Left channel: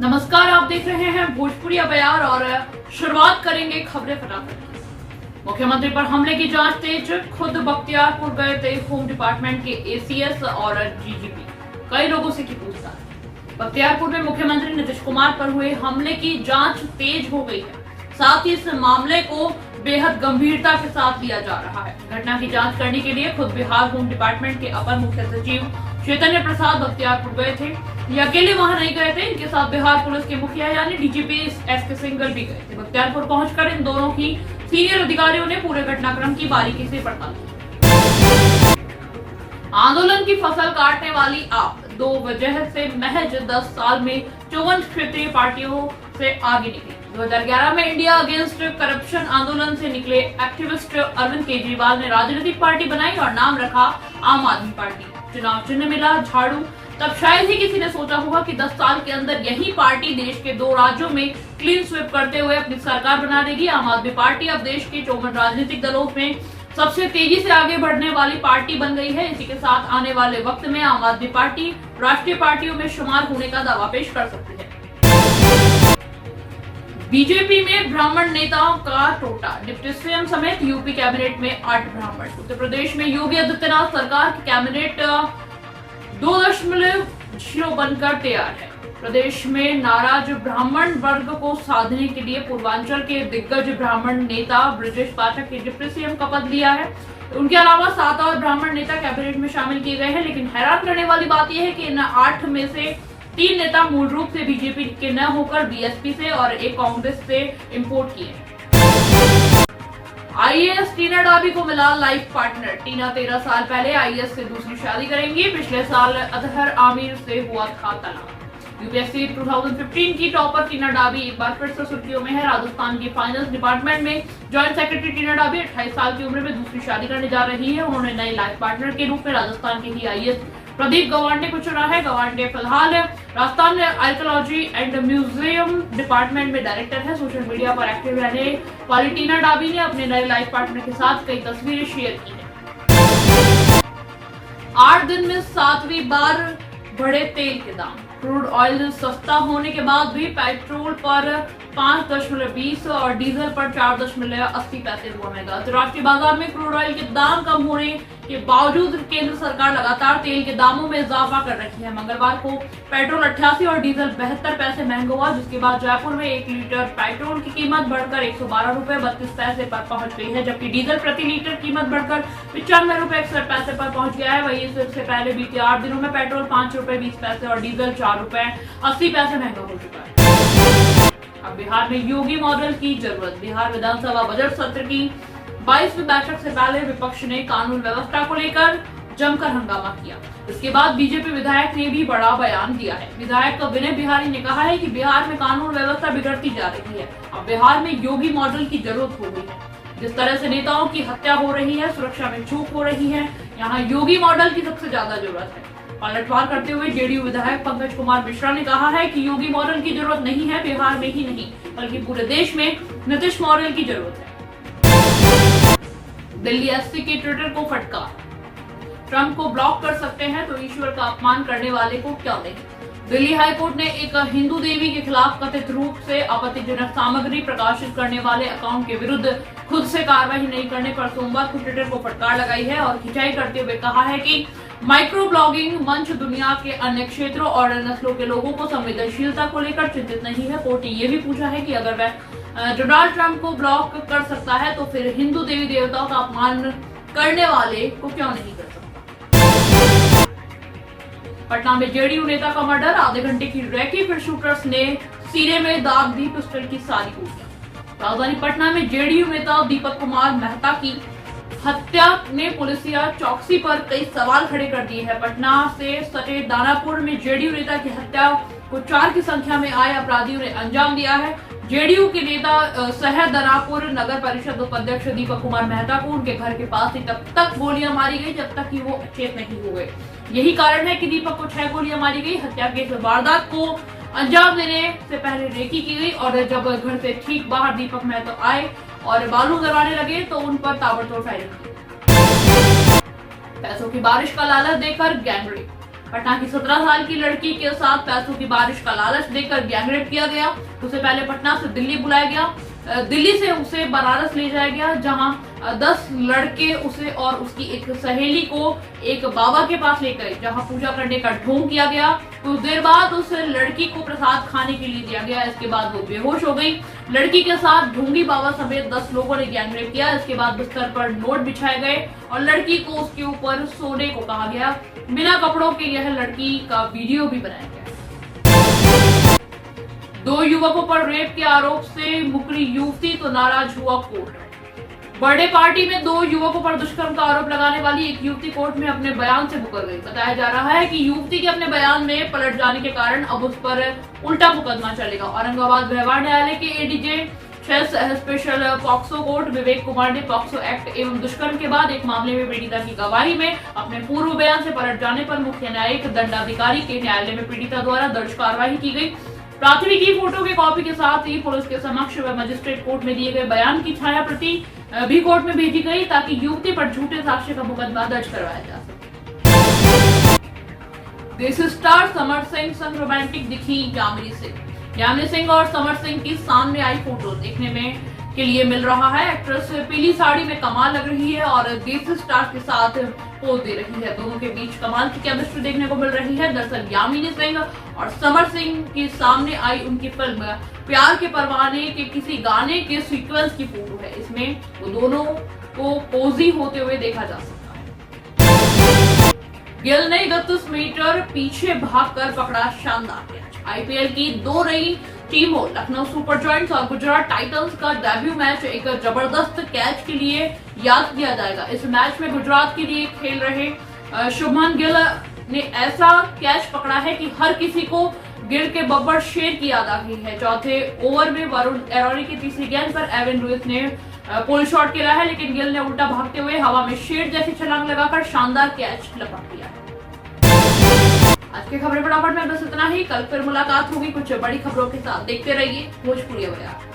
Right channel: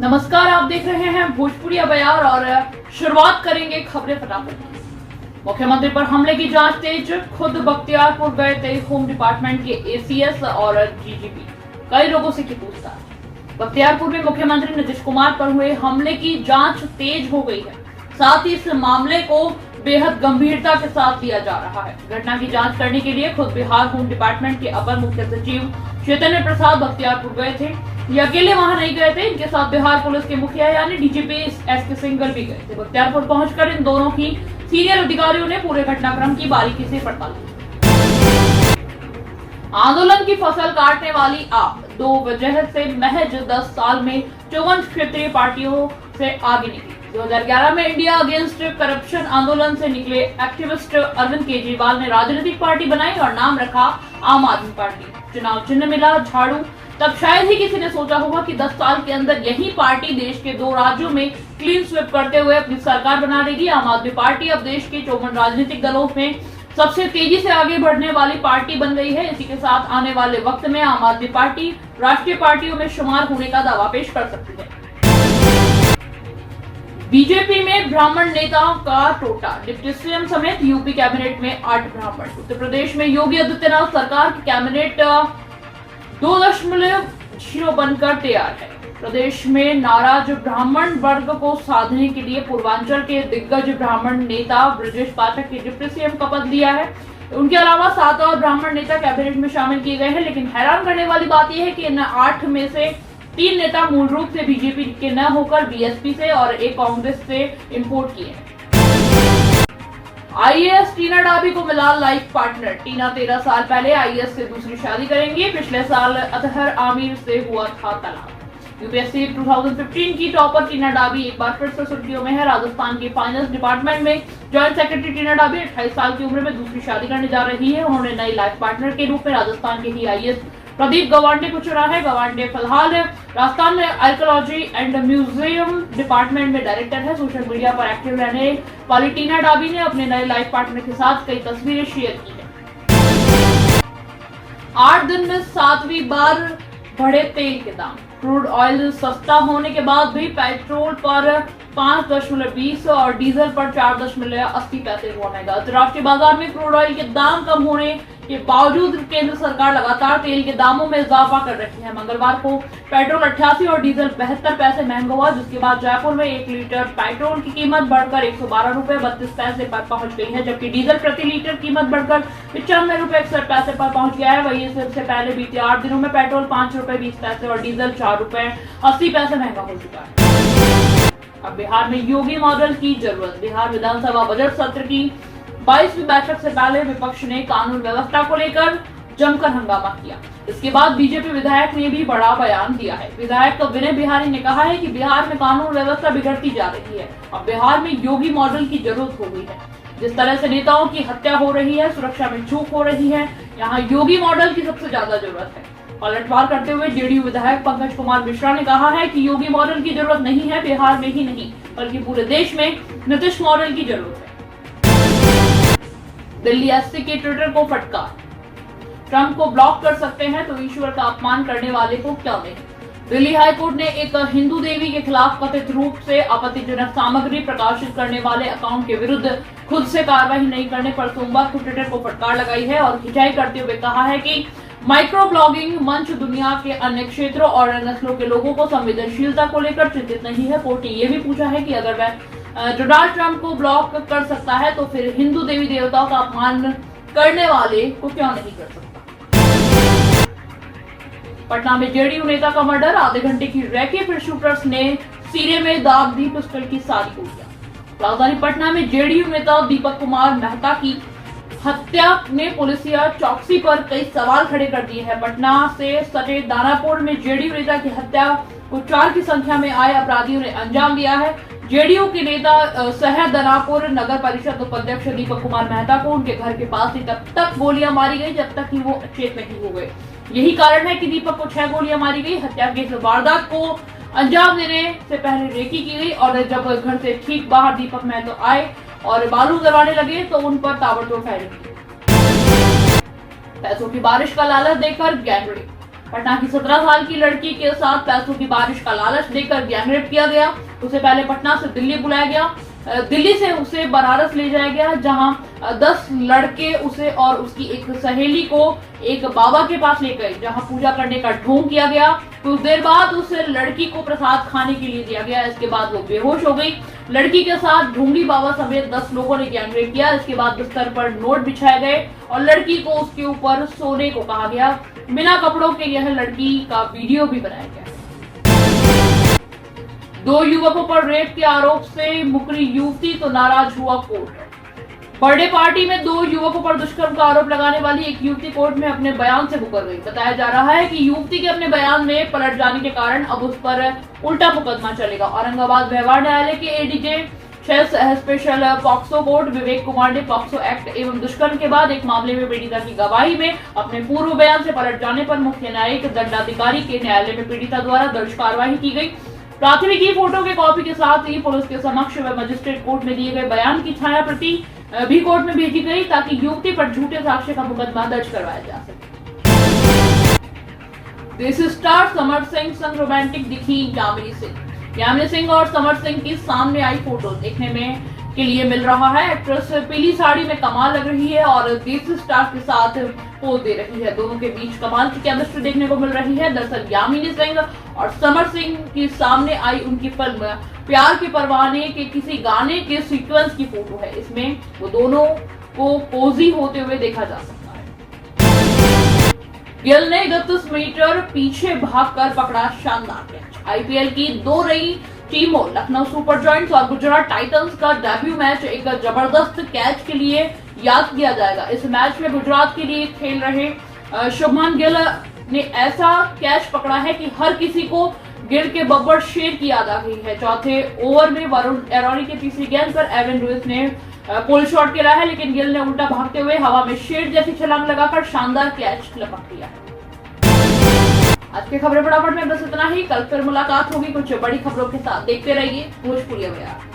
नमस्कार, आप देख रहे हैं भोजपुरी बयार और शुरुआत करेंगे खबरें फटाफट। मुख्यमंत्री पर हमले की जांच तेज, खुद बख्तियारपुर गए थे होम डिपार्टमेंट के एसीएस और डीजीपी, कई लोगों से की पूछताछ। बख्तियारपुर में मुख्यमंत्री नीतीश कुमार पर हुए हमले की जांच तेज हो गई है, साथ ही इस मामले को बेहद गंभीरता के साथ लिया जा रहा है। घटना की जांच करने के लिए खुद बिहार होम डिपार्टमेंट के अपर मुख्य सचिव चैतन्य प्रसाद बख्तियारपुर गए थे। ये अकेले वहां नहीं गए थे, इनके साथ बिहार पुलिस के मुखिया यानी डीजीपी एस के सिंघल भी गए थे। बख्तियारपुर पहुंचकर इन दोनों की सीनियर अधिकारियों ने पूरे घटनाक्रम की बारीकी से पड़ताल की। आंदोलन की फसल काटने वाली आप, दो वजह से महज 10 साल में 54 क्षेत्रीय पार्टियों से आगे निकली। 2011 में इंडिया अगेंस्ट करप्शन आंदोलन से निकले एक्टिविस्ट अरविंद केजरीवाल ने राजनीतिक पार्टी बनाई और नाम रखा आम आदमी पार्टी। चुनाव चिन्ह मिला झाड़ू। तब शायद ही किसी ने सोचा होगा कि 10 साल के अंदर यही पार्टी देश के 2 राज्यों में क्लीन स्वीप करते हुए अपनी सरकार बना देगी। आम आदमी पार्टी अब देश के 54 राजनीतिक दलों में सबसे तेजी से आगे बढ़ने वाली पार्टी बन गई है। इसी के साथ आने वाले वक्त में आम आदमी पार्टी राष्ट्रीय पार्टियों में शुमार होने का दावा पेश कर सकती है। बीजेपी में ब्राह्मण नेताओं का टोटा, डिप्टी सीएम समेत यूपी कैबिनेट में 8 ब्राह्मण। उत्तर प्रदेश में योगी आदित्यनाथ सरकार की कैबिनेट 2.0 बनकर तैयार है। प्रदेश में नाराज ब्राह्मण वर्ग को साधने के लिए पूर्वांचल के दिग्गज ब्राह्मण नेता ब्रजेश पाठक ने डिप्टी सीएम का पद लिया है। उनके अलावा 7 और ब्राह्मण नेता कैबिनेट में शामिल किए गए हैं, लेकिन हैरान करने वाली बात यह है कि इन 8 में से 3 नेता मूल रूप से बीजेपी के न होकर बीएसपी से और एक कांग्रेस से इंपोर्ट किए हैं। आईएएस टीना डाबी को मिला लाइफ पार्टनर। टीना 13 साल पहले आईएएस से दूसरी शादी करेंगी। पिछले साल अतहर आमिर से हुआ था तलाक। यूपीएससी 2015 की टॉपर टीना डाबी एक बार फिर से सुर्खियों में है। राजस्थान की फाइनेंस डिपार्टमेंट में जॉइंट सेक्रेटरी टीना डाबी 28 साल की उम्र में दूसरी शादी करने जा रही है। उन्होंने नए लाइफ पार्टनर के रूप में राजस्थान के ही आईएएस प्रदीप गवांडे को चुना है। गवांडे फिलहाल Rajasthan archaeology and museum department में डायरेक्टर है। सोशल मीडिया पर एक्टिव रहने वाली टीना डाबी ने अपने नए लाइफ पार्टनर के साथ कई तस्वीरें शेयर की है। 8 दिन में 7वीं बार बढ़े तेल के दाम। क्रूड ऑयल सस्ता होने के बाद भी पेट्रोल पर 5.20 और डीजल पर 4.80 पैसे हुआ महंगा। अंतर्राष्ट्रीय बाजार में क्रूड ऑयल के दाम कम होने के बावजूद केंद्र सरकार लगातार तेल के दामों में इजाफा कर रही है। मंगलवार को पेट्रोल 88 और डीजल 72 पैसे महंगा हुआ, जिसके बाद जयपुर में 1 लीटर पेट्रोल की कीमत बढ़कर 112 रुपए 32 पैसे पर पहुंच गई है, जबकि डीजल प्रति लीटर कीमत बढ़कर 95 रुपए 61 पैसे पर पहुंच गया है। वहीं इससे पहले बीते 8 दिनों में पेट्रोल 5 रुपए 20 पैसे और डीजल 4 रुपए 80 पैसे महंगा हो चुका है। अब बिहार में योगी मॉडल की जरूरत। बिहार विधानसभा बजट सत्र की 22वीं बैठक से पहले विपक्ष ने कानून व्यवस्था को लेकर जमकर हंगामा किया। इसके बाद बीजेपी विधायक ने भी बड़ा बयान दिया है। विधायक विनय बिहारी ने कहा है कि बिहार में कानून व्यवस्था बिगड़ती जा रही है। अब बिहार में योगी मॉडल की जरूरत हो गई है। जिस तरह से नेताओं की हत्या हो रही है, सुरक्षा में चूक हो रही है, यहाँ योगी मॉडल की सबसे ज्यादा जरूरत है। पलटवार करते हुए जेडीयू विधायक पंकज कुमार मिश्रा ने कहा है कि योगी मॉडल की जरूरत नहीं है, बिहार में ही नहीं बल्कि पूरे देश में नीतीश मॉडल की जरूरत है। दिल्ली एससी के ट्विटर को फटकार। ट्रंप को ब्लॉक कर सकते हैं तो ईश्वर का अपमान करने वाले को क्या नहीं। दिल्ली हाईकोर्ट ने एक हिंदू देवी के खिलाफ कथित रूप से आपत्तिजनक सामग्री प्रकाशित करने वाले अकाउंट के विरुद्ध खुद से कार्रवाई नहीं करने पर सोमवार को ट्विटर को फटकार लगाई है और खिंचाई करते हुए कहा है कि माइक्रो ब्लॉगिंग मंच दुनिया के अन्य क्षेत्रों और नस्लों के लोगों को संवेदनशीलता को लेकर चिंतित नहीं है। कोर्ट ने यह भी पूछा है कि अगर वह डोनाल्ड ट्रंप को ब्लॉक कर सकता है तो फिर हिंदू देवी देवताओं का अपमान करने वाले को क्यों नहीं कर सकता। पटना में जेडीयू नेता का मर्डर, आधे घंटे की रैकी, फिर शूटर्स ने सीने में दाग दी पिस्टल की सारी गोलियां। राजधानी पटना में जेडीयू नेता दीपक कुमार मेहता की हत्या ने पुलिसिया चौकसी पर कई सवाल खड़े कर दिए हैं। पटना से सटे दानापुर में जेडीयू नेता की हत्या को 4 की संख्या में आए अपराधियों ने अंजाम दिया है। जेडीयू के नेता शहर दानापुर नगर परिषद उपाध्यक्ष दीपक कुमार मेहता को उनके घर के पास ही तब तक गोलियां मारी गई जब तक कि वो अचेत नहीं हो गए। यही कारण है कि दीपक को 6 गोलियां मारी गई। हत्या के इस वारदात को अंजाम देने से पहले रेकी की गई और जब घर से ठीक बाहर दीपक मेहता आए और बारूद दरवाने लगे तो उन पर ताबड़तोड़ फायरिंग की। पैसों की बारिश का लालच देकर गैंगरेप। पटना की 17 साल की लड़की के साथ पैसों की बारिश का लालच देकर गैंगरेप किया गया। उसे पहले पटना से दिल्ली बुलाया गया, दिल्ली से उसे बनारस ले जाया गया, जहां 10 लड़के उसे और उसकी एक सहेली को एक बाबा के पास ले गए, जहां पूजा करने का ढोंग किया गया। कुछ देर बाद उस लड़की को प्रसाद खाने के लिए दिया गया। इसके बाद वो बेहोश हो गई। लड़की के साथ ढोंगी बाबा समेत 10 लोगों ने गैंगरेप किया। इसके बाद बिस्तर पर नोट बिछाए गए और लड़की को उसके ऊपर सोने को कहा गया। बिना कपड़ों के यह लड़की का वीडियो भी बनाया गया। 2 युवकों पर रेप के आरोप से मुकरी युवती तो नाराज हुआ कोर्ट। बर्थडे पार्टी में 2 युवकों पर दुष्कर्म का आरोप लगाने वाली एक युवती कोर्ट में अपने बयान से मुकर गई। बताया जा रहा है कि युवती के अपने बयान में पलट जाने के कारण अब उस पर उल्टा मुकदमा चलेगा। औरंगाबाद व्यवहार न्यायालय के ADJ 6 special POCSO court Vivek Kumar ने पॉक्सो एक्ट एवं दुष्कर्म के बाद एक मामले में पीड़िता की गवाही में अपने पूर्व बयान से पलट जाने पर मुख्य न्यायिक दंडाधिकारी के न्यायालय में पीड़िता द्वारा दर्ज कार्रवाई की गई। प्राथमिकी फोटो के कॉपी के साथ ही पुलिस के समक्ष व मजिस्ट्रेट कोर्ट में दिए गए बयान की छाया प्रति भी कोर्ट में भेजी गई, ताकि युवती पर झूठे साक्ष्य का मुकदमा दर्ज करवाया जा सके। देसी स्टार समर सिंह संग रोमांटिक दिखी यामिनी सिंह। यामिनी सिंह और समर सिंह की सामने आई फोटो देखने में के लिए मिल रहा है। एक्ट्रेस पीली साड़ी में कमाल लग रही है और देसी स्टार के साथ पोज दे रही है। दोनों के बीच कमाल की केमिस्ट्री देखने को मिल रही है। दरअसल यामिनी सिंह और समर सिंह की सामने आई उनकी फिल्म प्यार के परवाने के किसी गाने के सीक्वेंस की फोटो है। इसमें वो दोनों को पोजी होते हुए देखा जा सकता है। गिल ने 31 मीटर पीछे भागकर पकड़ा शानदार कैच। आईपीएल की 2 नई टीमों लखनऊ सुपर जॉयंट्स और गुजरात टाइटंस का डेब्यू मैच एक जबरदस्त कैच के लिए याद किया जाएगा। इस मैच में गुजरात के लिए खेल रहे शुभमन गिल ने ऐसा कैच पकड़ा है कि हर किसी को गिल के बब्बर शेर की याद आ गई है। चौथे ओवर में वरुण एरोनी के तीसरी गेंद पर एवन लुइस ने पुल शॉट खेला है, लेकिन गिल ने उल्टा भागते हुए हवा में शेर जैसी छलांग लगाकर शानदार कैच लपक दिया। आज के खबरें फटाफट में बस इतना ही। कल फिर मुलाकात होगी कुछ बड़ी खबरों के साथ। देखते रहिए भोजपुरी बयान।